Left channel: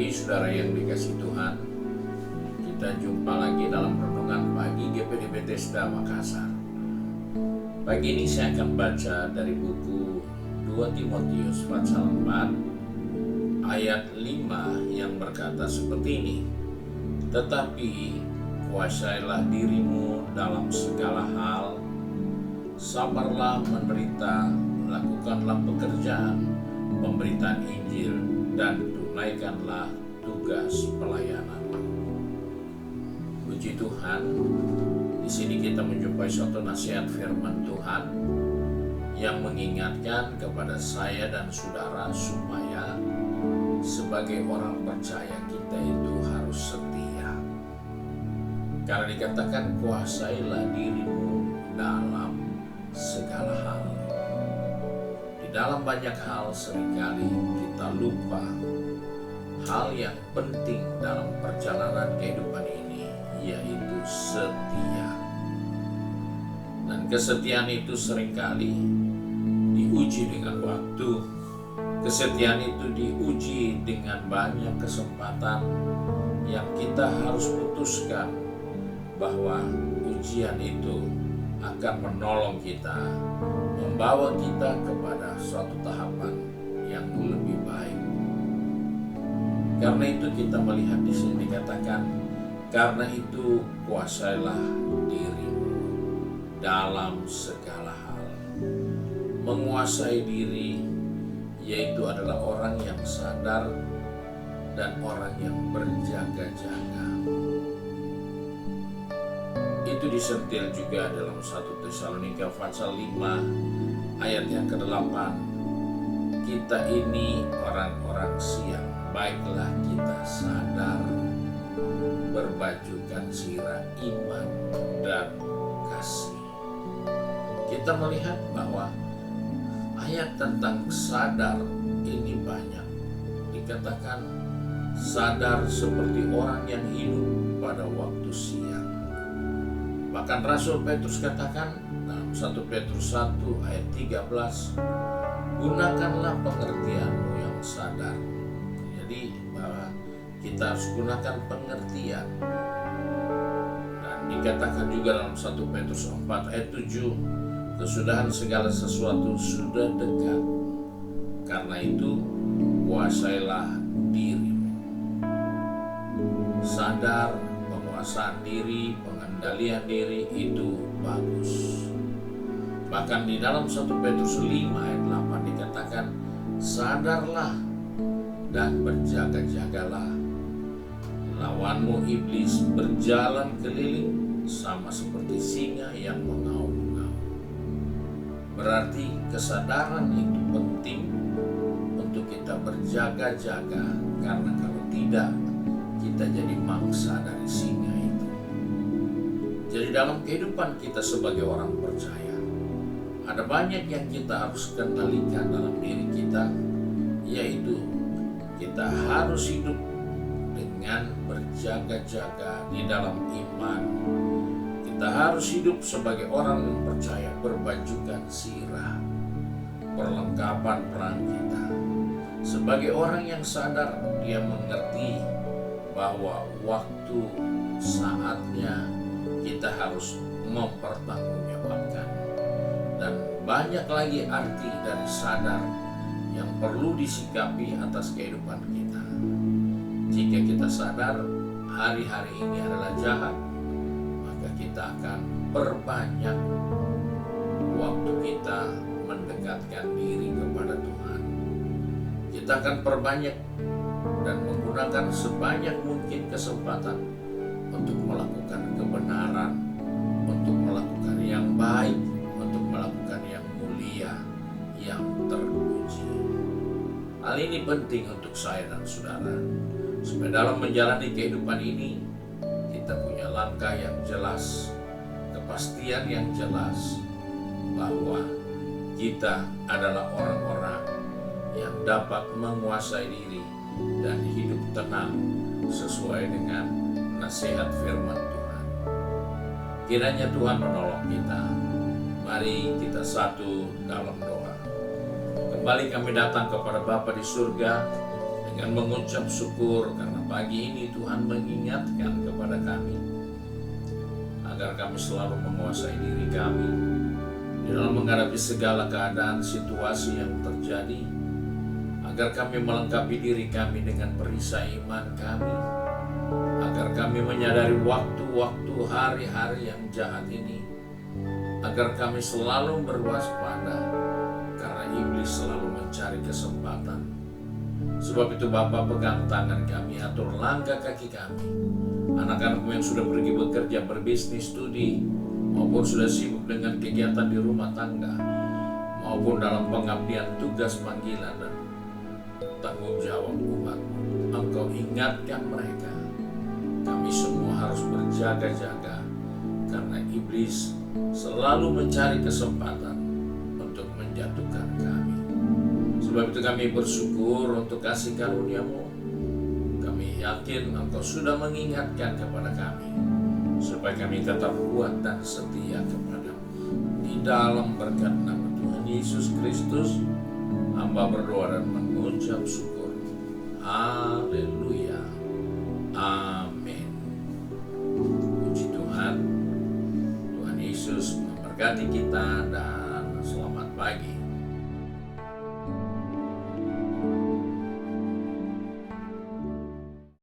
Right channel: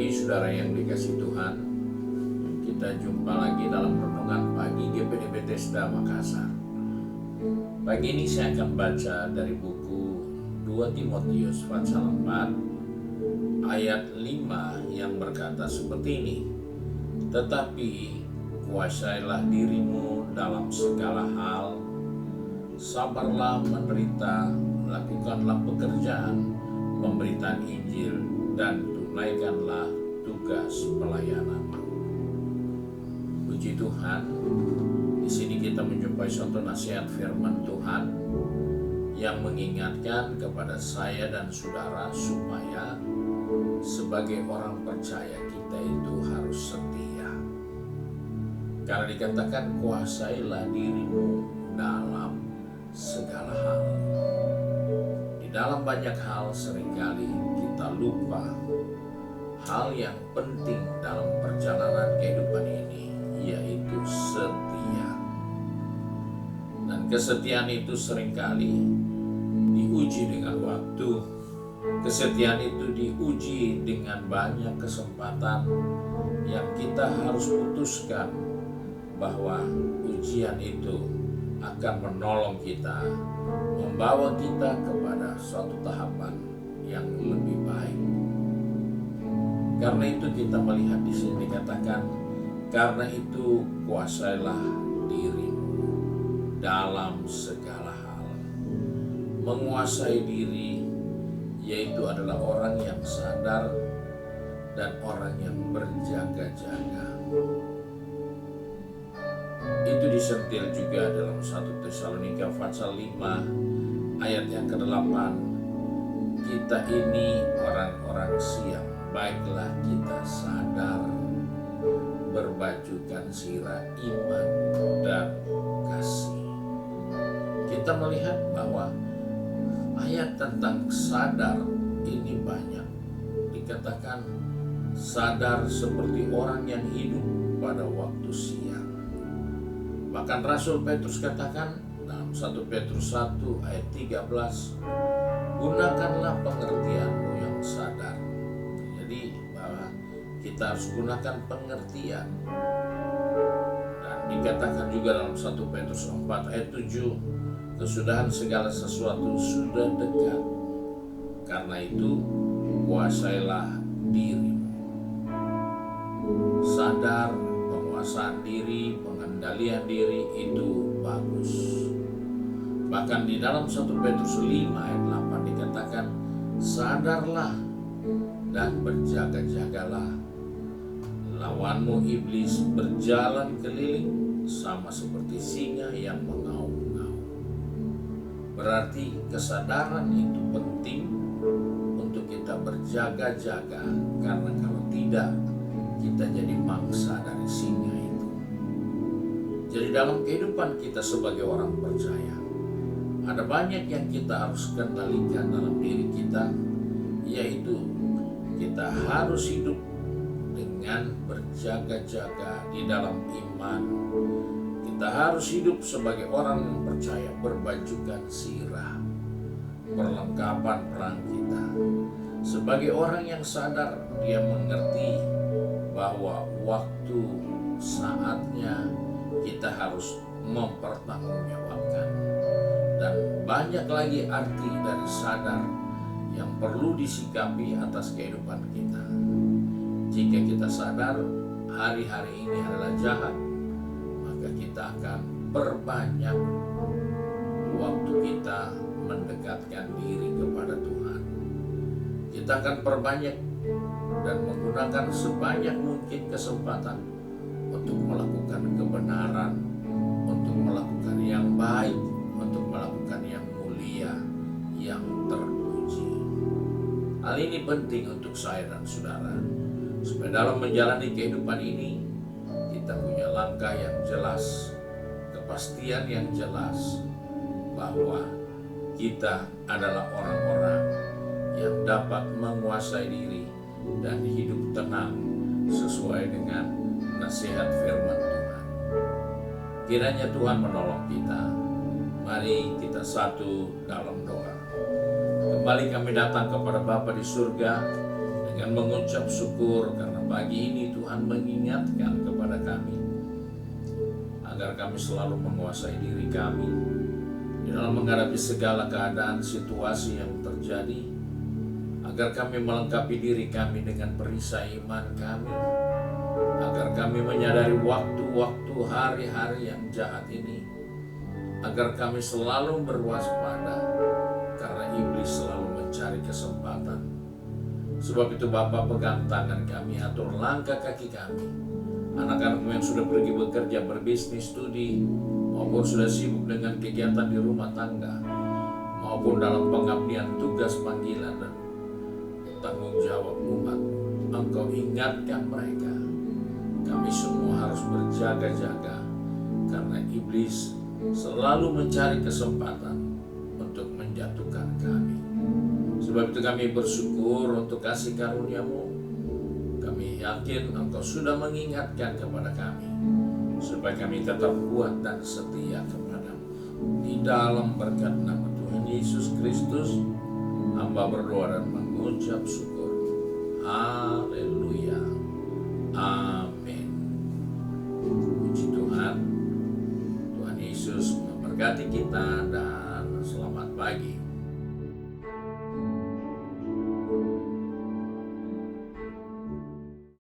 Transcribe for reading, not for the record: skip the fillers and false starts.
Pagi saudara yang dikasih Tuhan, kita jumpa lagi dalam renungan pagi GPD Bethesda Makassar. Pagi ini saya akan baca dari buku 2 Timotius pasal 4 ayat 5 yang berkata seperti ini. Tetapi kuasailah dirimu dalam segala hal, sabarlah menderita, lakukanlah pekerjaan pemberitaan Injil, dan tunaikanlah tugas pelayananmu. Puji Tuhan, di sini kita menjumpai suatu nasihat firman Tuhan yang mengingatkan kepada saya dan saudara supaya sebagai orang percaya kita itu harus setia. Karena dikatakan kuasailah dirimu dalam segala hal. Di dalam banyak hal seringkali kita lupa hal yang penting dalam perjalanan kehidupan ini, yaitu setia. Dan kesetiaan itu seringkali diuji dengan waktu. Kesetiaan itu diuji dengan banyak kesempatan yang kita harus putuskan bahwa ujian itu akan menolong kita, membawa kita kepada suatu tahapan yang lebih baik. Karena itu kita melihat di sini dikatakan, karena itu kuasailah dirimu dalam segala hal. Menguasai diri yaitu adalah orang yang sadar dan orang yang berjaga-jaga. Itu disentil juga dalam 1 Tesalonika pasal 5 ayat yang ke-8. Kita ini orang-orang siang, baiklah kita sadar, berbajukan sirah iman dan kasih. Kita melihat bahwa ayat tentang sadar ini banyak. Dikatakan sadar seperti orang yang hidup pada waktu siang. Bahkan Rasul Petrus katakan dalam 1 Petrus 1 ayat 13, gunakanlah pengertianmu yang sadar. Jadi bahwa kita harus gunakan pengertian. Dan dikatakan juga dalam 1 Petrus 4 ayat 7, kesudahan segala sesuatu sudah dekat. Karena itu kuasailah dirimu. Sadar, penguasaan diri, pengendalian diri itu bagus. Bahkan di dalam 1 Petrus 5 ayat 8 dikatakan, sadarlah dan berjaga-jagalah. Lawanmu iblis berjalan keliling sama seperti singa yang mengaum-ngaum. Berarti kesadaran itu penting untuk kita berjaga-jaga, karena kalau tidak kita jadi mangsa dari singa itu. Jadi dalam kehidupan kita sebagai orang percaya, ada banyak yang kita harus kendalikan dalam diri kita, yaitu kita harus hidup dengan berjaga-jaga di dalam iman. Kita harus hidup sebagai orang yang percaya, berbajukan sirah, perlengkapan perang kita. Sebagai orang yang sadar, dia mengerti bahwa waktu saatnya kita harus mempertanggungjawabkan. Dan banyak lagi arti dari sadar yang perlu disikapi atas kehidupan kita. Jika kita sadar hari-hari ini adalah jahat, maka kita akan perbanyak waktu kita mendekatkan diri kepada Tuhan. Kita akan perbanyak dan menggunakan sebanyak mungkin kesempatan untuk melakukan kebenaran, untuk melakukan yang baik, untuk melakukan yang mulia, yang terpuji. Hal ini penting untuk saya dan saudara, supaya dalam menjalani kehidupan ini kita punya langkah yang jelas, kepastian yang jelas bahwa kita adalah orang-orang yang dapat menguasai diri dan hidup tenang sesuai dengan nasihat firman Tuhan. Kiranya Tuhan menolong kita. Mari kita satu dalam doa. Kembali kami datang kepada Bapa di surga dengan mengucap syukur karena pagi ini Tuhan mengingatkan kepada kami agar kami selalu menguasai diri kami di dalam menghadapi segala keadaan situasi yang terjadi, agar kami melengkapi diri kami dengan perisai iman kami, agar kami menyadari waktu-waktu hari-hari yang jahat ini, agar kami selalu berwaspada karena iblis selalu mencari kesempatan. Sebab itu Bapa, pegang tangan kami, atur langkah kaki kami. Anak-anakmu yang sudah pergi bekerja, berbisnis, studi, maupun sudah sibuk dengan kegiatan di rumah tangga, maupun dalam pengabdian tugas panggilan dan tanggung jawab umatmu, Engkau ingatkan mereka. Kami semua harus berjaga-jaga karena iblis selalu mencari kesempatan untuk menjatuhkan kami. Sebab itu kami bersyukur untuk kasih karunia-Mu. Kami yakin Engkau sudah mengingatkan kepada kami supaya kami tetap kuat dan setia kepada-Mu. Di dalam berkat nama Tuhan Yesus Kristus, hamba berdoa dan mengucap syukur. Haleluya. Amin. Puji Tuhan. Tuhan Yesus memberkati kita dan selamat pagi.